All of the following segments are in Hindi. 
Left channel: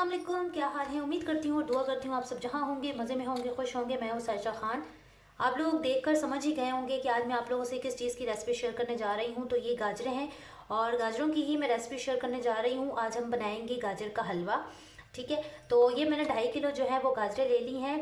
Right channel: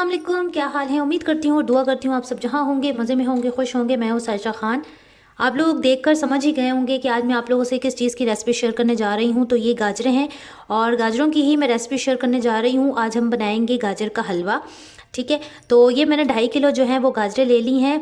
अस्सलाम वालेकुम, क्या हाल है। उम्मीद करती हूँ और दुआ करती हूँ आप सब जहाँ होंगे मज़े में होंगे, खुश होंगे। मैं हूँ सायशा खान। आप लोग देखकर समझ ही गए होंगे कि आज मैं आप लोगों से किस चीज़ की रेसिपी शेयर करने जा रही हूँ। तो ये गाजरें हैं और गाजरों की ही मैं रेसिपी शेयर करने जा रही हूँ। आज हम बनाएंगे गाजर का हलवा। ठीक है, तो ये मैंने 2.5 किलो जो है वो गाजरें ले ली हैं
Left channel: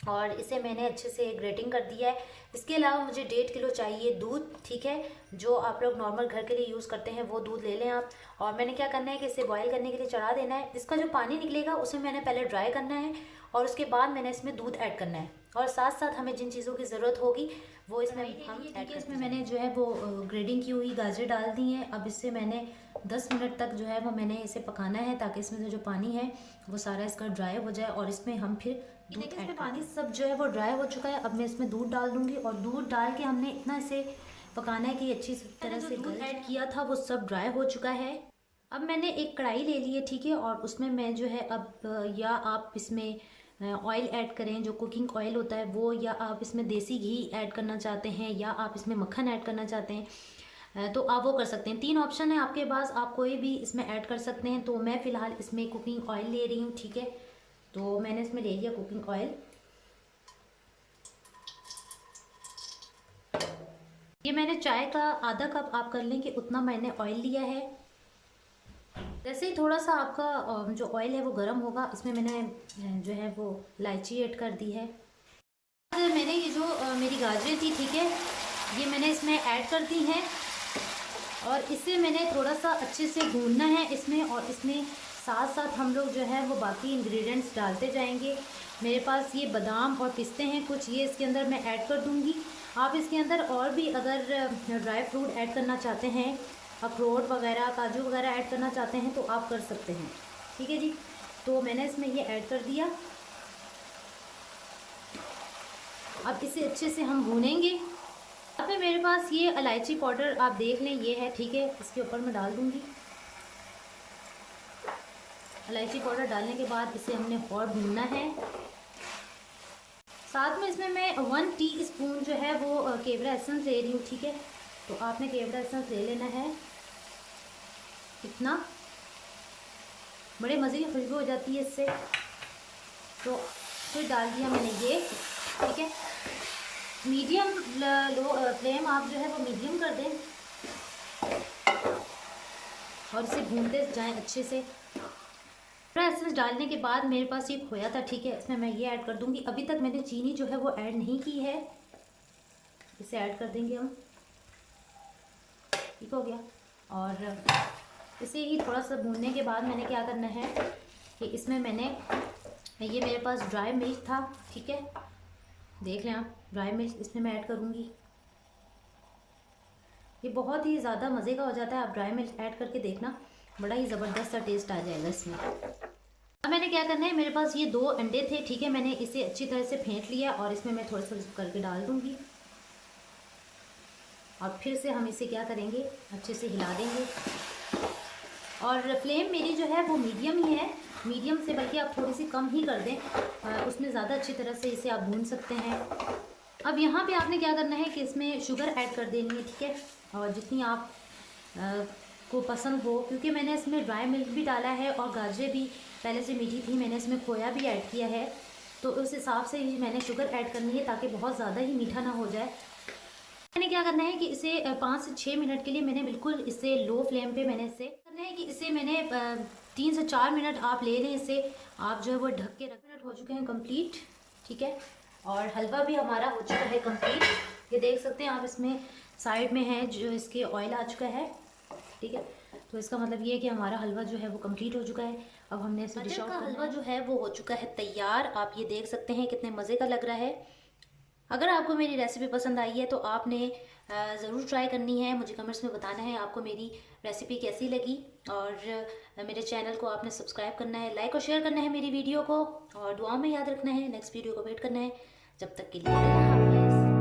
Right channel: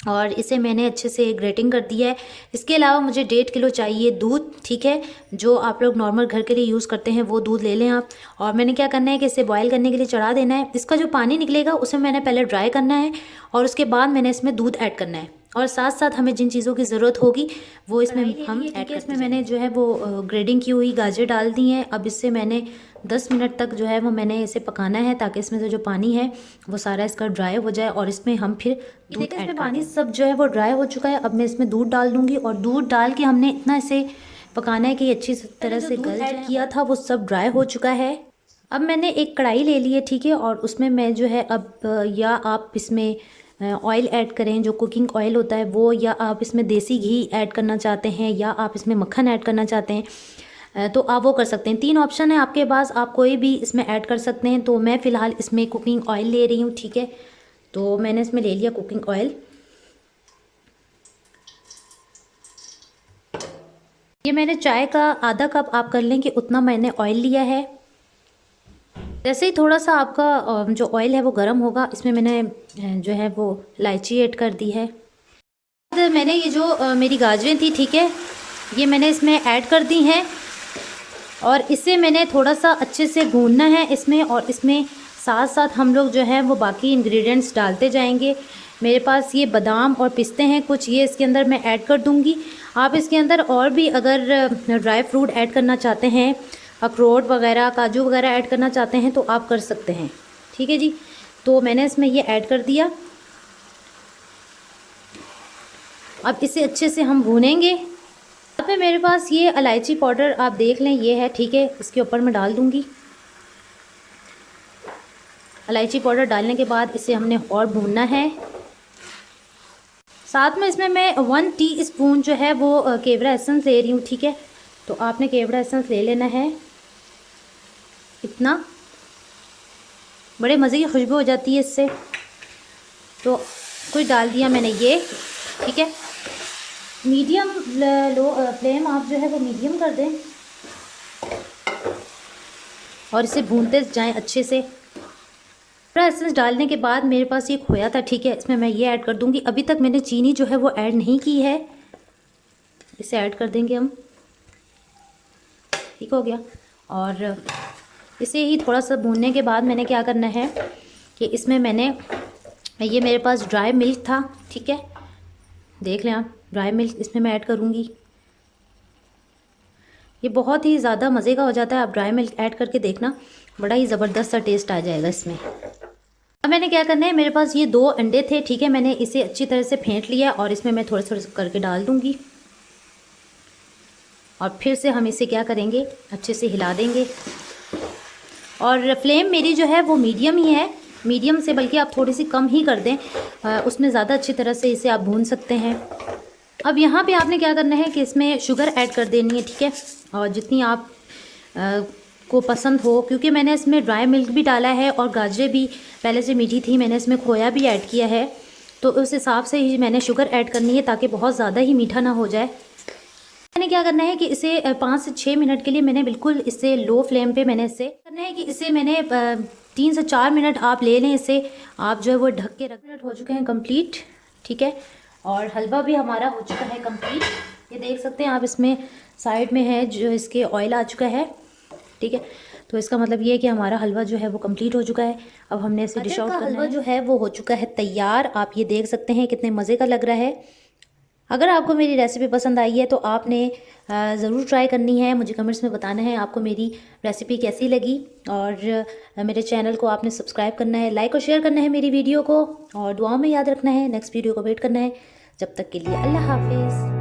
और इसे मैंने अच्छे से ग्रेटिंग कर दिया है। इसके अलावा मुझे 1.5 किलो चाहिए दूध। ठीक है, जो आप लोग नॉर्मल घर के लिए यूज़ करते हैं वो दूध ले लें आप। और मैंने क्या करना है कि इसे बॉयल करने के लिए चढ़ा देना है। इसका जो पानी निकलेगा उसे मैंने पहले ड्राई करना है और उसके बाद मैंने इसमें दूध ऐड करना है। और साथ साथ हमें जिन चीज़ों की ज़रूरत होगी वो इसमें हम ऐड करते। इसमें मैंने जो है वो ग्रेडिंग की हुई गाजर डाल दी हैं। अब इससे मैंने 10 मिनट तक जो है वो मैंने इसे पकाना है ताकि इसमें से जो पानी है वो सारा इसका ड्राई हो जाए और इसमें हम फिर दूध ऐड करेंगे। पानी सब जो है वो ड्राई हो चुका है। अब मैं इसमें दूध डाल दूंगी और दूध डाल के हमने इतना इसे पकाना है कि अच्छी तरह से गल ऐड किया था वो सब ड्राई हो चुका है। अब मैंने एक कढ़ाई ले ली है, ठीक है, और उसमें मैं जो है अब या आप इसमें ऑयल ऐड करें जो कुकिंग ऑयल होता है वो, या आप इसमें देसी घी ऐड करना चाहते हैं, या आप इसमें मक्खन ऐड करना चाहते हैं तो आप वो कर सकते हैं। 3 ऑप्शन है आपके पास, आप कोई भी इसमें ऐड कर सकते हैं। तो मैं फ़िलहाल इसमें कुकिंग ऑयल ले रही हूँ। ठीक है, तो मैंने इसमें ले लिया कुकिंग ऑयल। ये मैंने चाय का आधा कप आप कर लें कि उतना मैंने ऑयल लिया है। जैसे ही थोड़ा सा आपका जो ऑयल है वो गर्म होगा, इसमें मैंने जो है वो इलायची ऐड कर दी है। मैंने ये जो मेरी गाजरें थी, ठीक है, ये मैंने इसमें ऐड कर दी हैं और इसे मैंने थोड़ा सा अच्छे से भूनना है इसमें। और इसमें साथ साथ हम लोग जो है वो बाकी इंग्रेडिएंट्स डालते जाएंगे। मेरे पास ये बादाम और पिस्ते हैं कुछ, ये इसके अंदर मैं ऐड कर दूंगी। आप इसके अंदर और भी अगर ड्राई फ्रूट ऐड करना चाहते हैं, अखरोट वगैरह, काजू वगैरह ऐड करना चाहते हैं तो आप कर सकते हैं। ठीक है जी, तो मैंने इसमें ये ऐड कर दिया। अब इसे अच्छे से हम भूनेंगे। अब में मेरे पास ये इलायची पाउडर आप देख लें, ये है, ठीक है, इसके ऊपर मैं डाल दूंगी। इलायची पाउडर डालने के बाद इसे हमने और भूनना है। साथ में इसमें मैं 1 टीस्पून जो है वो केवड़ा एसेंस ले रही हूँ। ठीक है, तो आपने केवड़ा एसेंस ले लेना है इतना, बड़े मज़े की खुशबू हो जाती है इससे। तो कुछ डाल दिया मैंने ये। ठीक है, मीडियम लो फ्लेम आप जो है वो मीडियम कर दें और इसे भूनते जाएं अच्छे से। केवड़ा एसेंस डालने के बाद मेरे पास ये खोया था, ठीक है, इसमें मैं ये ऐड कर दूंगी। अभी तक मैंने चीनी जो है वो ऐड नहीं की है, इसे ऐड कर देंगे हम। ठीक हो गया। और इसे ही थोड़ा सा भूनने के बाद मैंने क्या करना है कि इसमें मैंने ये मेरे पास ड्राई मिल्क था, ठीक है, देख लें आप, ड्राई मिल्क इसमें मैं ऐड करूँगी। ये बहुत ही ज़्यादा मज़े का हो जाता है, आप ड्राई मिल्क ऐड करके देखना, बड़ा ही ज़बरदस्त सा टेस्ट आ जाएगा इसमें। अब मैंने क्या करना है, मेरे पास ये 2 अंडे थे, ठीक है, मैंने इसे अच्छी तरह से फेंट लिया और इसमें मैं थोड़ा थोड़ा करके डाल दूँगी और फिर से हम इसे क्या करेंगे, अच्छे से हिला देंगे। और फ्लेम मेरी जो है वो मीडियम ही है, मीडियम से बल्कि आप थोड़ी सी कम ही कर दें, उसमें ज़्यादा अच्छी तरह से इसे आप भून सकते हैं। अब यहाँ पे आपने क्या करना है कि इसमें शुगर ऐड कर देनी है, ठीक है, और जितनी आप को पसंद हो, क्योंकि मैंने इसमें ड्राई मिल्क भी डाला है और गाजरें भी पहले से मीठी थी, मैंने इसमें खोया भी ऐड किया है, तो उस हिसाब से ही मैंने शुगर ऐड करनी है ताकि बहुत ज़्यादा ही मीठा ना हो जाए। मैंने क्या करना है कि इसे 5 से 6 मिनट के लिए मैंने बिल्कुल इसे लो फ्लेम पे मैंने इसे करना है कि इसे मैंने 3 से 4 मिनट आप ले लें इसे, आप जो है वो ढक के रख। मिनट हो चुके हैं कंप्लीट, ठीक है, और हलवा भी हमारा हो चुका है कंप्लीट। ये देख सकते हैं आप, इसमें साइड में है जो इसके ऑयल आ चुका है, ठीक है, तो इसका मतलब ये है कि हमारा हलवा जो है वो कंप्लीट हो चुका है। अब हमने इसे डिश आउट करना है। हलवा जो है वो हो चुका है तैयार, आप ये देख सकते हैं कितने मज़े का लग रहा है। अगर आपको मेरी रेसिपी पसंद आई है तो आपने ज़रूर ट्राई करनी है, मुझे कमेंट्स में बताना है आपको मेरी रेसिपी कैसी लगी। और मेरे चैनल को आपने सब्सक्राइब करना है, लाइक और शेयर करना है मेरी वीडियो को, और दुआओं में याद रखना है। नेक्स्ट वीडियो को वेट करना है। जब तक के लिए अल्लाह हाफिज़।